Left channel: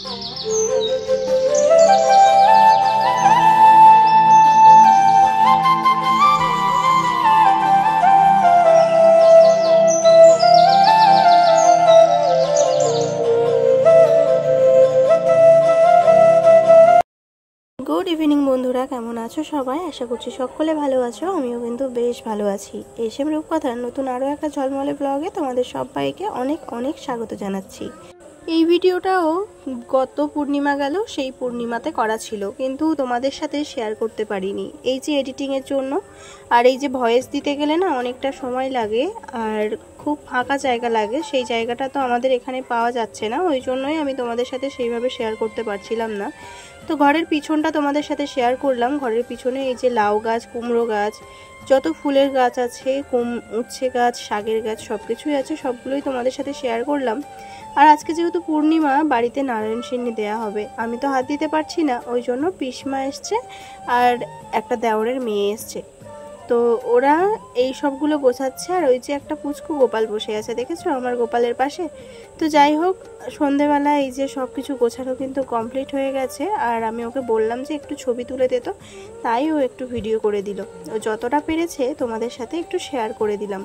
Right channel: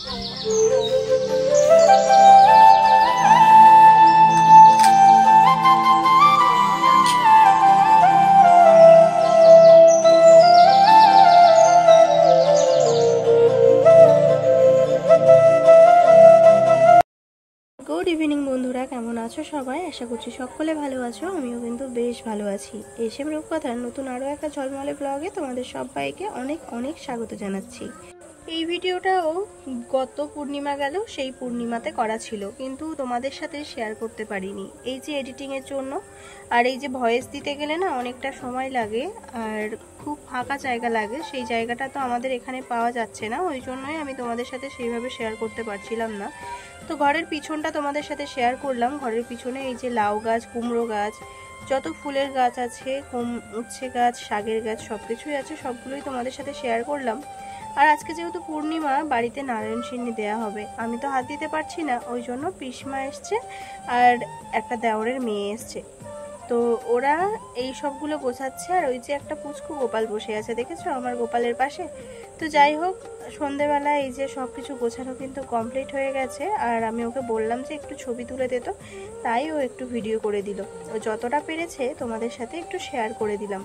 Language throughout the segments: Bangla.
গুড ইভিনিং বন্ধুরা, কেমন আছো সবাই? আশা করছি সকলে ভালো আছো। আমিও কিন্তু বেশ ভালো আছি। এসএম রূপকথার নতুন আরও একটা ঝলমলে ব্লগে তোমাদের সবাইকে অনেক অনেক স্বাগত জানাচ্ছি। এই ভিডিওটাও গত পূর্ণিমা গেল সেই পূর্ণিমাতে করা ছিল, কিন্তু তোমাদের সাথে শেয়ার করতে পারিনি এই যে এডিটিংয়ের জন্য। আর এই যে ভয়েস দিতে গেলে না অনেকটা সময় লাগে আর খুব ফাঁকা জায়গা লাগে, সেই জায়গাটা তো আমাদের এখানে পাওয়া যাচ্ছে না, ওই জন্যই আমি তোমাদের সাথে সেইভাবে শেয়ার করতে পারছিলাম না। তো ঘরের পিছনটা তোমাদের সাথে শেয়ার করলাম। ঘরের পিছনে এই যে লাউ গাছ, কুমড়ো গাছ, যত ফুলের গাছ আছে, উচ্ছে গাছ, শাকের গাছ, সব কিছুই আছে, সবগুলোই তোমাদের সাথে শেয়ার করলাম। আর আজকে যেহেতু পূর্ণিমা, বাড়িতে নারায়ণ সিন্নি দেওয়া হবে, আমি তো হাত দিতে পারছি না, ওই জন্য পিসমা এসছে আর একটা দেওরের মেয়ে এসছে, তো ওরা এই সবগুলো গোছাচ্ছে। আর ওই যে একটা পুচকু গোপাল বসে আছে, দেখেছো আমার গোপালের পাশে। তো যাই হোক, সন্ধেবেলা এই যে সব কিছু গোছানো কিন্তু কমপ্লিট হয়ে গেছে। আর আমি ওকে বললাম যে একটু ছবি তুলে দিত, তাই ও একটু ভিডিও করে দিল। ও যতটা পেরেছে তোমাদের সাথে একটু শেয়ার করে দিলাম।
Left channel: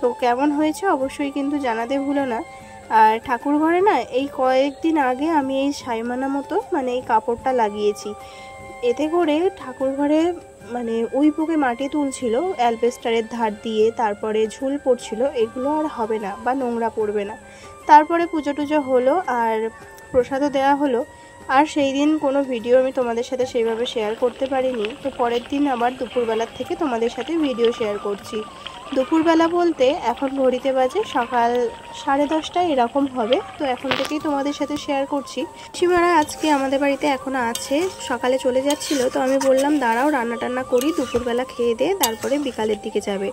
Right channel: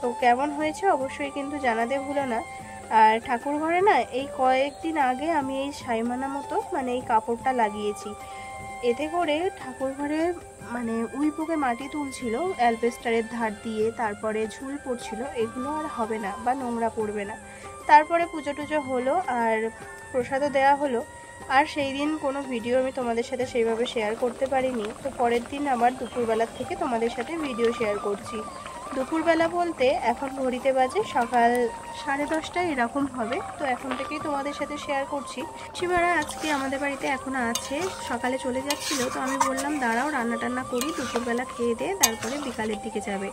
তো কেমন হয়েছে অবশ্যই কিন্তু জানাতে ভুলো না। আর ঠাকুর ঘরে না এই কয়েকদিন আগে আমি এই সাইমানা মতো মানে এই কাপড়টা লাগিয়েছি, এতে করে ঠাকুর ঘরে মানে উইপোকে মাটি তুলছিল অ্যালবেস্টারের ধার দিয়ে, তারপরে ঝুল পড়ছিল, এগুলো আর হবে না বা নোংরা পড়বে না। তারপরে পুজো টুজো হলো আর প্রসাদও দেওয়া হলো। আর সেই দিন কোনো ভিডিও আমি তোমাদের সাথে সেইভাবে শেয়ার করতে পারিনি, তো পরের দিন আবার দুপুরবেলার থেকে তোমাদের সাথে ভিডিও শেয়ার করছি। দুপুরবেলা বলতে এখন ঘড়িতে বাজে সকাল 10:30 এরকম হবে, তো এখন থেকেই তোমাদের সাথে শেয়ার করছি। সীমারা আজকে আমাদের বাড়িতে এখনও আছে, সকালে চলে যাচ্ছিল, তো আমি বললাম দাঁড়াও রান্না টান্না করি, দুপুরবেলা খেয়ে দে, তারপরে বিকালের দিকে যাবে।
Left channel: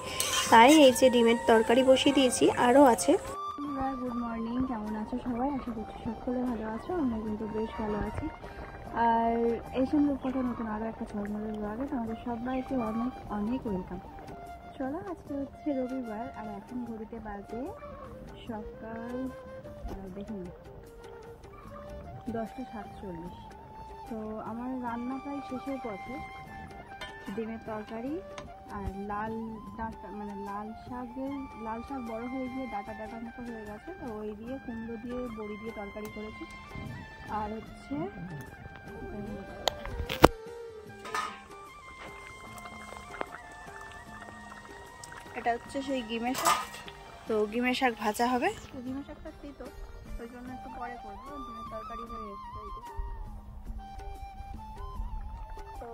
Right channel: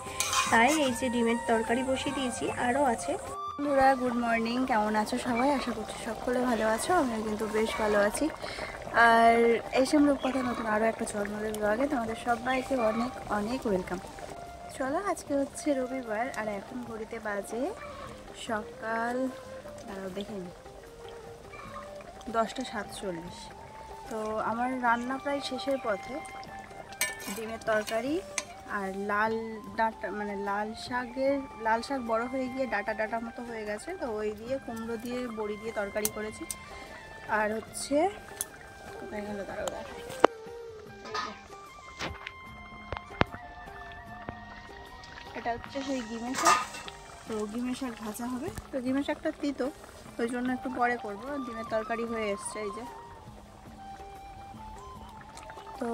তাই এই যে ডিমের তরকারি বসিয়ে দিয়েছি, আরও আছে। বন্ধুরা গুড মর্নিং, কেমন আছো সবাই? আশা করছি সকলে ভালো আছো, আমিও কিন্তু বেশ ভালো আছি। আর এসএম রূপকথা নতুন আরও একটা ঝলমলে ব্লগে তোমাদের সবাইকে অনেক অনেক ওয়েলকাম। চলো, আজকে হচ্ছে রবিবার আর এখন ঘড়িতে বাজে সকাল দেখে নিই 10:47। তো আমার রান্না প্রায় শেষের পথে। ডিমের তরকারি আর লাল ডাঁটা মানে লাল শাক বড় হয়ে গিয়ে ডাটা ডাটা মতো হয়ে গেছে, তো ওই দিয়ে কুমড়ো দিয়ে বড়ি দিয়ে তরকারি করেছি। আর হচ্ছে কোথায় গেল দাঁড়াও, এটা হচ্ছে সেই গিমে শাক, তো গিমে শাক ভাজা হবে। তো গিমে শাকটা তিতো, ওই জন্য একটু পরে করবো। ডিমের তরকারি হয়ে এসছে এই যে। তো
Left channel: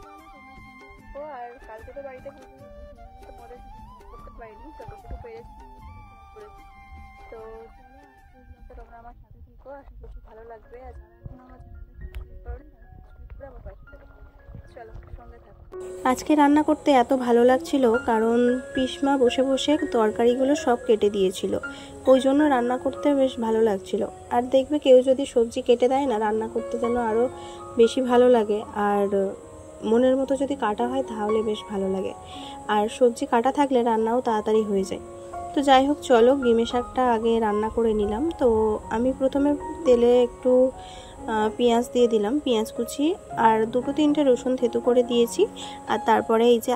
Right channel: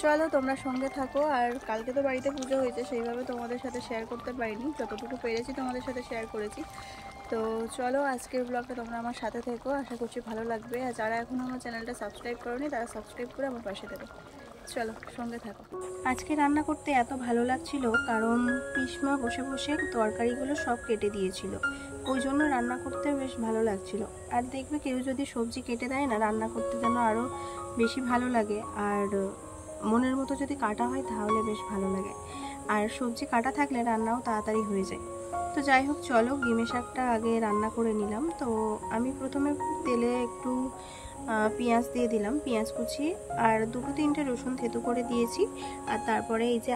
চলো তোমরা সঙ্গে থাকো। আর কালকে তো বাড়িতে পুজো হয়েছে, সেইভাবে তোমাদের সাথে শেয়ার করতে পারিনি, যতটুকু পেরেছি তোমাদের সাথে শেয়ার করেছি। তো চলো আজকের ব্লগটা তোমরা আমার সাথে থেকো, আশা করছি ভালো লাগবে। আর যারা এখনও আমার চ্যানেলটা সাবস্ক্রাইব করোনি তারা সাবস্ক্রাইব করে আমার পাশে দেবে। চলো সঙ্গে থাকো। আজকে রান্না করতে এত ভালো লাগছিল, কারণ পিসমা বসে বসে তরকারিগুলো সব কেটে দিয়েছিল, ওই জন্য রান্না করতে বেশ ভালো লাগছিল। আর দেখবে কেউ যদি সবজি কেটে দেয় না, রান্না করতে যেন আরও বেশি ভালো লাগে। আর মনের মতো যদি কাটা হয় তাহলে বেশ ভালো লাগে, আর সবজি কাটা থাকলে রান্নাও তাড়াতাড়ি হয়ে যায়। তো যাই হোক, চলো গিমে শাকটা আগে রান্না করে নিলাম। তো আমি প্রথমে তেলে একটু পেঁয়াজ দিয়ে দিলাম, পেঁয়াজ কুচি, আর 2-3টে রসুন থেতু করে দিয়েছি। আর তারপরে এই যে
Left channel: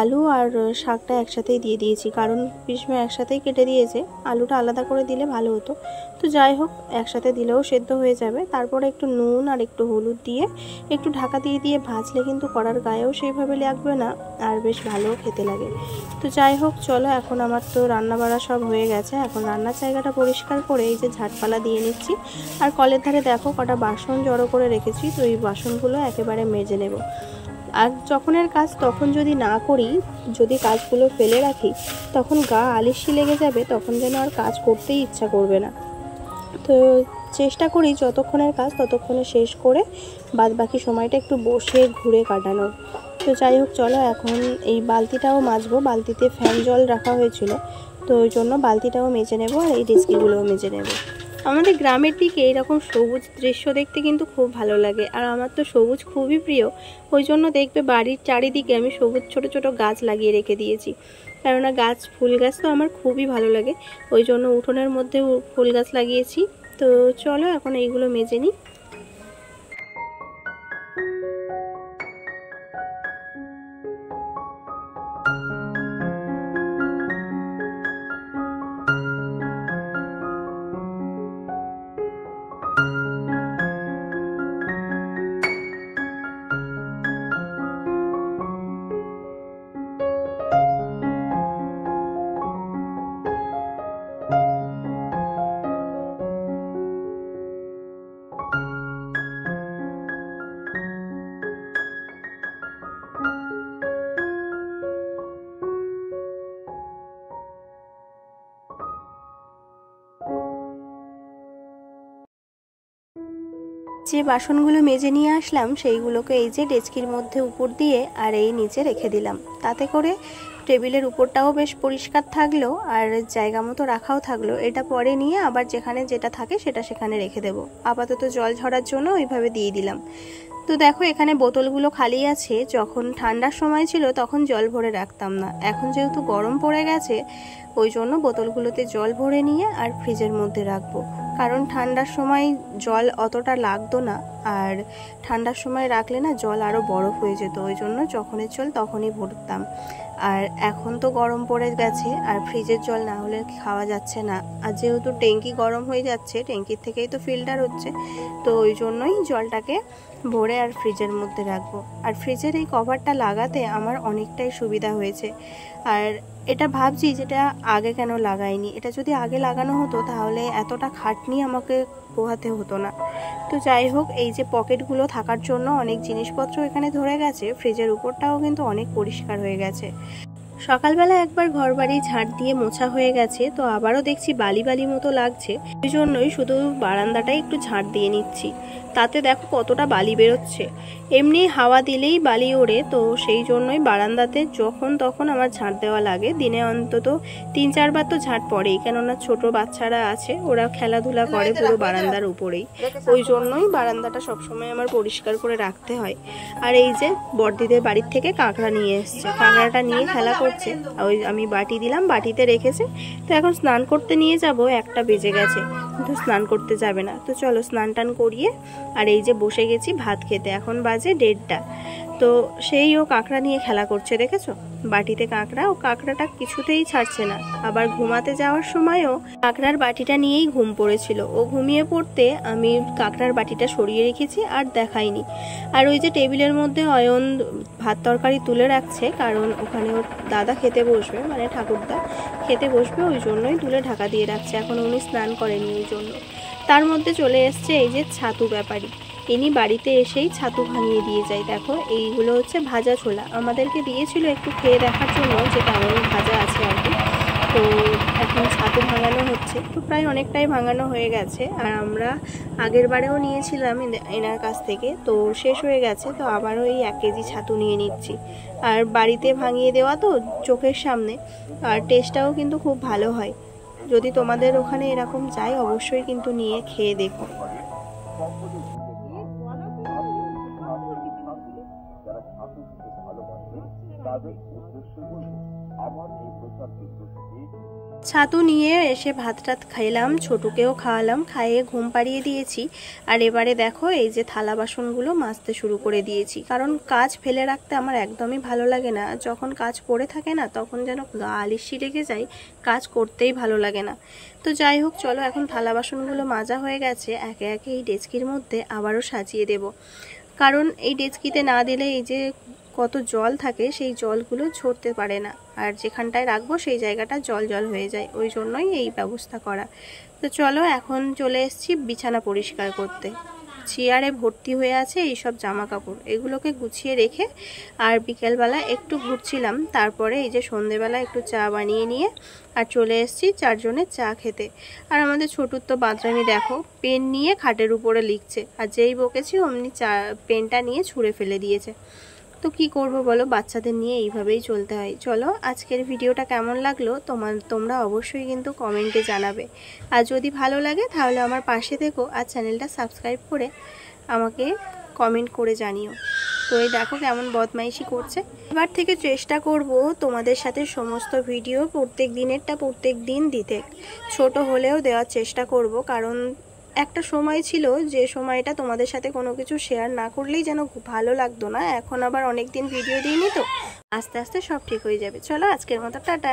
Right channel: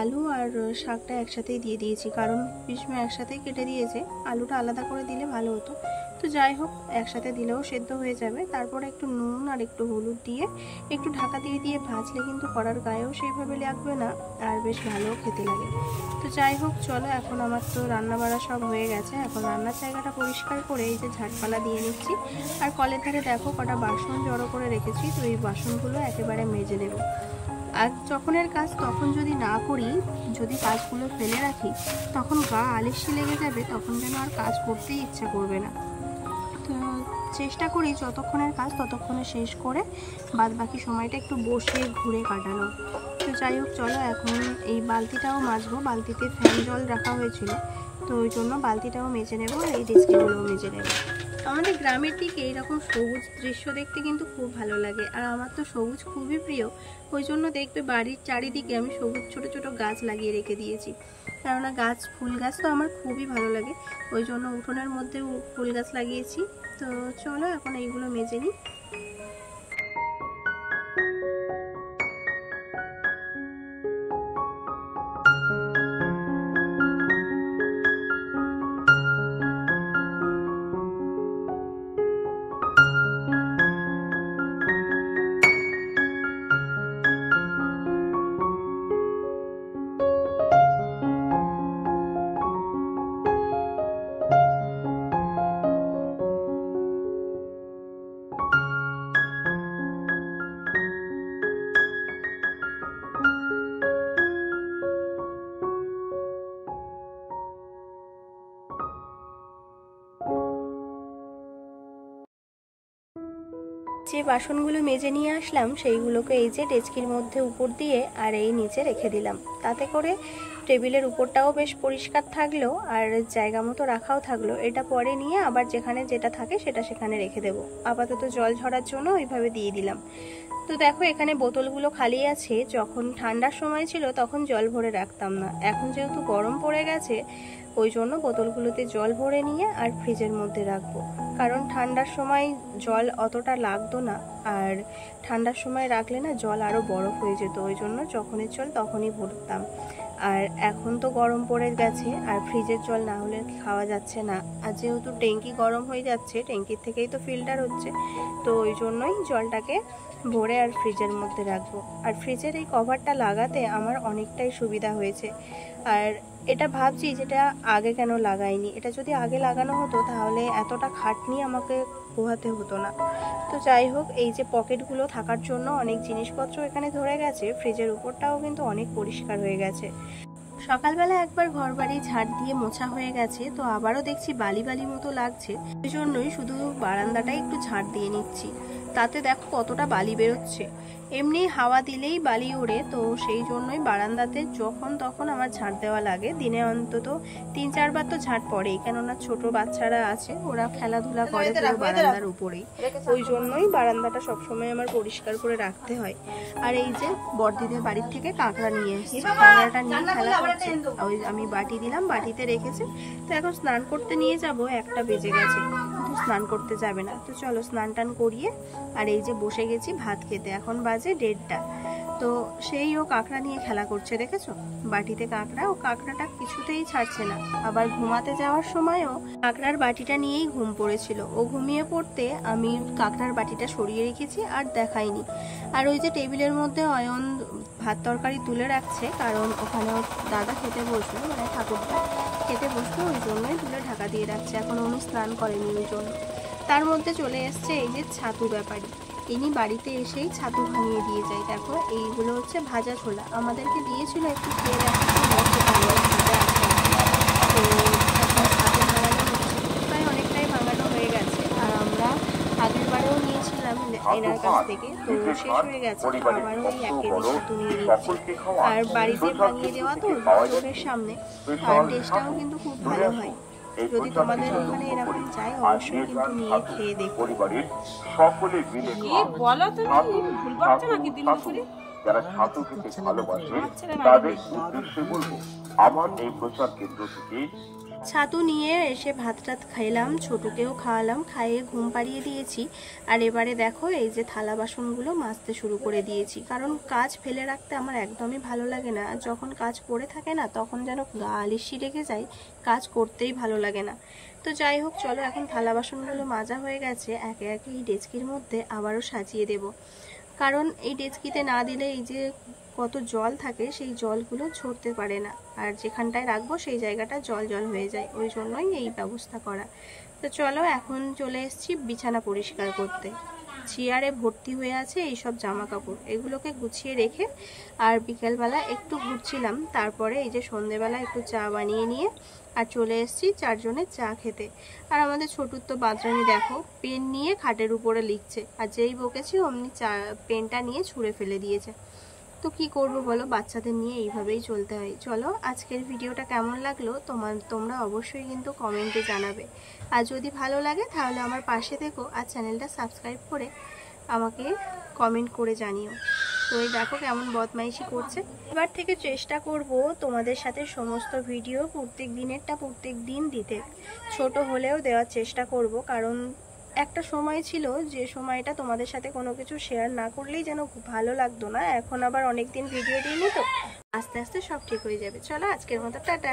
আলু আর শাকটা একসাথেই দিয়ে দিয়েছি, কারণ পিসমা একসাথেই কেটে দিয়েছে, আলুটা আলাদা করে দিলে ভালো হতো। তো যাই হোক, একসাথে দিলেও সেদ্ধ হয়ে যাবে। তারপরে একটু নুন আর একটু হলুদ দিয়ে একটু ঢাকা দিয়ে দিয়ে ভাজলে কিন্তু কড়ার গায়েও সেইভাবে লাগবে না, আর বেশ ভালোও খেতে লাগে। তো যাই হোক, চলো এখন আমার তো রান্না বাড়া সব হয়ে গেছে, এখন রান্নার জায়গাটা পরিষ্কার করে এই যে ঝাঁটপালা দিয়ে নিচ্ছি। আর কলের ধারে দেখো কটা বাসন জড়ো করে রেখেছি, তো এই বাসনগুলো একেবারে মেজে নেব। আর যখনের কাজ তখন যদি না করি, যদি কাজগুলো ফেলে রাখি, তখন গা আলিশি লেগে যাবে, তখন যেন আর কাজ করতেই ইচ্ছা করবে না। তো চেষ্টা করি যতক্ষণের কাজ ততক্ষণে শেষ করে বাদ বাকি সময়টা একটু বসে ঘুরে কাটানোর। তো যাই হোক, চলো এখন এই বালতিটাও মাজবো, বালতিতে ফ্যান জল রাখা হয়েছিল, তো ওই জন্য বালতিটাও মেজে নেব আর এই ডিস্কিগুলোও মেজে নেব। আমাদের গ্রামের দিকে এরকম সবুজ দৃশ্য দেখতে কিন্তু খুব ভালো লাগে, আর আমার তো সবুজ খুবই প্রিয়, ওই জন্য দেখবে বাড়ির চারিদিকে আমি সবুজ ছোট ছোট গাছ লাগিয়ে রেখে দিয়েছি। কেননা গাছ, ফুল গাছ তো আমার খুবই ভালো লাগে, ওই জন্য উঠোনের মধ্যে ফুল গাছ লাগিয়েছি। তো চলো এখন এইগুলো মেজে নিই। যে বাসনগুলো মেজে নিয়ে আসলাম সেইগুলোকে এই যে ডেচকির মধ্যে উপর দিয়ে আর এই নিচে রেখে দিলাম। তাতে করে টেবিলের উপরটাও বেশ পরিষ্কার থাকলো আর জায়গা মতো রাখাও থাকলো। এটা পরে নিয়ে আবার যেখানে যেটা থাকে সেটা সেখানে রেখে দেবো। আপাতত জল ঝরার জন্য ওইভাবে দিয়ে দিলাম। তো দেখো এখানে বোতলগুলো খালি আছে। যখন ঠান্ডার সময় ছিল তখন জল ভরে রাখতাম না, এখন যেহেতু গরম পড়ে গেছে ওই জন্য বোতলগুলোতে জল ভরে নিয়ে আর ফ্রিজের মধ্যে রাখবো। কারণ ঠান্ডার সময় জল অতটা লাগতো না, আর ঠান্ডার সময় রাখলে না জল আরও বরফ হয়ে যেত, ওই জন্য যখনের জল তখনই ভরতাম। আর এখন তো গরম পড়ে গেছে আর ফ্রিজের জল না হলে খাওয়া যাচ্ছে না। আর যেহেতু ট্যাঙ্কি গরম হয়ে যাচ্ছে, ট্যাঙ্কির থেকেই তো ফিল্টার হচ্ছে, তো ওই জন্যই জলটাকে ভরে আর ফ্রিজের মধ্যে রাখবো। আর ফ্রিজের এই কভারটা লাগাতে আমার অনেকটাই সুবিধা হয়েছে। আর এটা ভাবছি যেটা আগে কেন লাগাইনি, এটা যদি আগে লাগানো হতো তাহলে এতটা খাটনি আমাকে পোহাতে হতো না। তো যাই হোক, এই যে পকেটগুলো থাকার জন্য অনেক জিনিসপত্র এখানে ধরে গেছে। ফ্রিজের উপরটাও কিন্তু অনেক পরিষ্কার হয়ে গেছে। সকালবেলা একবার ঘর বাড়ি ঝাড় দিয়ে মোছা হয়ে গেছে, তো আবারও দেখছি বালি বালি মতো লাগছে, ওই জন্যই শুধু বারান্দাটাই একটু ঝাড় দিয়ে নিচ্ছি। তাতে দেখো কতটা বালি বেরোচ্ছে। এমনি হাওয়া দিলেই বালি ওড়ে, তো সেই জন্যই বারান্দাতে যখন তখন আমার ঝাড় দেওয়া লাগে। দিনে অন্তত 3-4 বার তো ঝাড় পড়েই, কেননা ছোট বাচ্চারা আছে, ওরা খেলাধুলা করে পুরো বারান্দার উপরেই, ওই জন্যই বারান্দাটা সবসময় আমার পরিষ্কার করে রাখতে হয়। আর এই যে বড়দিদের বাড়ির থেকে কাঁকড়া নিয়ে এসছে, কাঁকড়াটা নিয়ে খেলা করছে, ওই আমি বাটি দিলাম, বাটিতে রেখেছে। তো এখন স্নান করতে নিয়ে যাব, 1টা বেজে গেছে, কিন্তু স্নান করতে যাবে না। তো চলো স্নান টান করিয়ে আর এই যে বসে গেছি ভাত খেতে। এখন বাজে 1:30। তো সেই ও কাঁকড়া নিয়ে খেলা করছে, দেখেছো বাটিতে কাঁকড়া, ও কাঁকড়াটা কিছুতেই ছাড়ছে না। আবার ঘুমাতে যাওয়ার সময়ও কাঁকড়ার বাটিটা নিয়েই ঘুম পড়েছিল। ও ঘুমিয়ে পড়তে আমি কাঁকড়ার বাটিটা সরিয়ে রেখেছি আর দেখাইনি। আর ওই যে টেবিলের মধ্যে অয়ন ভাত তরকারি তুলে রাখছে, কারণ ওখানে ওর দাদা খেতে বসবে, মানে ঠাকুরদা খেতে বসবে, ওই জন্যই তুলে ঢাকা দিয়ে রাখছে। এখন উনি স্নান করেনি ওই জন্য। তার মধ্যে চলে এসছে এই যে ছাতু ব্যাপারী, ইনি বাড়িতে এসেই ছাতু ভাঙিয়ে দিয়ে যায়। দেখো এইগুলো হচ্ছে ভাজা ছোলা, আমাদেরকে দিয়েছিল একটু খেয়ে দেখার জন্য যে কেমন ভাজা আছে আর কি। তো এখন ছাতু ভাঙানো হচ্ছে, প্রায় অনেকটাই ভাঙানো হয়ে গেছে। আর আমরা আগের বারেও নিয়েছিলাম এনার কাছ থেকে, তো শেষ হয়ে গেছে, তো আবারও এই 1 কেজি ছাতু নিয়ে নিচ্ছি। আর বাড়িতে ভাঙিয়ে দেওয়া তো চোখের সামনে, আর টেস্টটাও কিন্তু খুব ভালো হয়। যদি তোমাদের ওখানে এরকম যায় অবশ্যই কিন্তু নিয়ে খেয়ে দেখো। যারা ছাতু খেতে ভালোবাসে তাদের উদ্দেশ্যে বলবো, আমার এই প্রচার কেন্দ্র থেকে ছাতু নিয়ে এসে ভাত টাত খাইলাম, ছোটকেও খাওয়ালাম, খাইয়ে ঘুম পাড়িয়ে দিয়েছি। আর এবারে দেখো এই যে থালা বাসনগুলো মাজতে শুরু করে দিয়েছি, কারণ কাজ ফেলে রাখতে আমার একদমই ভালো লাগে না। যখন কাজ পড়ে থাকে না তখন যেন গা আলিশি লেগে যায়, কাজ করতেই ভালো লাগে না। তো যাই হোক চলো, এখন থালা বাসনগুলো মাজা হয়ে গেছে, একে একে এই ডেচকির মধ্যে আবারও সাজিয়ে দেব। কারণ এই ডেচকিতে না দিলে এই যে কত জল থাকে সেই জলগুলো ঝরতে পারে না, আর যেখানটায় রাখবো সেই জায়গাটা জল জল হয়ে যায়, ওই জন্যই এই ব্যবস্থা করা। তো চলো এখন চলে এসেছি বিছানা পরিষ্কার করতে। চেয়ারে ভর্তি হয়ে আছে এইসব জামা কাপড়, এগুলোকে গুছিয়ে রেখে আর বিকেলবেলা একটু ঘুরছিলাম। তারপরে এই যে সন্ধেবেলা একটু চা বানিয়ে নিয়ে আর চলে এসেছি 4 জনের চা খেতে। আর আমাদের ছোটুর তো বাদরামি দেখো, পেন নিয়ে খাটের উপরে লিখছে, আর যেই বকেছি অমনি পেনটা নিয়ে ছুঁড়ে ফেলে দিয়েছে। তো কি করব বলো, বাচ্চাদের নিয়ে এইভাবেই চলতে হয়। চলো আজকের ভিডিওটা কেমন লাগলো তোমরা অবশ্যই কিন্তু কমেন্টে জানাবে। আর যদি ভালো লাগে তাহলে আমার পাশে থেকো আর চ্যানেলটা সাবস্ক্রাইব করে আমাকে কমেন্ট করে জানিও। তো তো এই দেখো কেমন বদমাইশি করছে। এবার থেকে চেষ্টা করব তোমাদের সাথে সমস্ত ভিডিও প্রত্যেক দিন দিতে, ছোট হলেও দেওয়ার চেষ্টা করব। কারণ একটা সময় ছিল যে সময়টা তোমাদের সাথে কোনো কিছু শেয়ার না করলেই যেন ভালো লাগতো না। এখন আবার অনেক দিন ভিডিও দিইনি, তো আস্তে আস্তে সব ঠিক হয়ে যাবে। চলো আজকের মতো টাটা।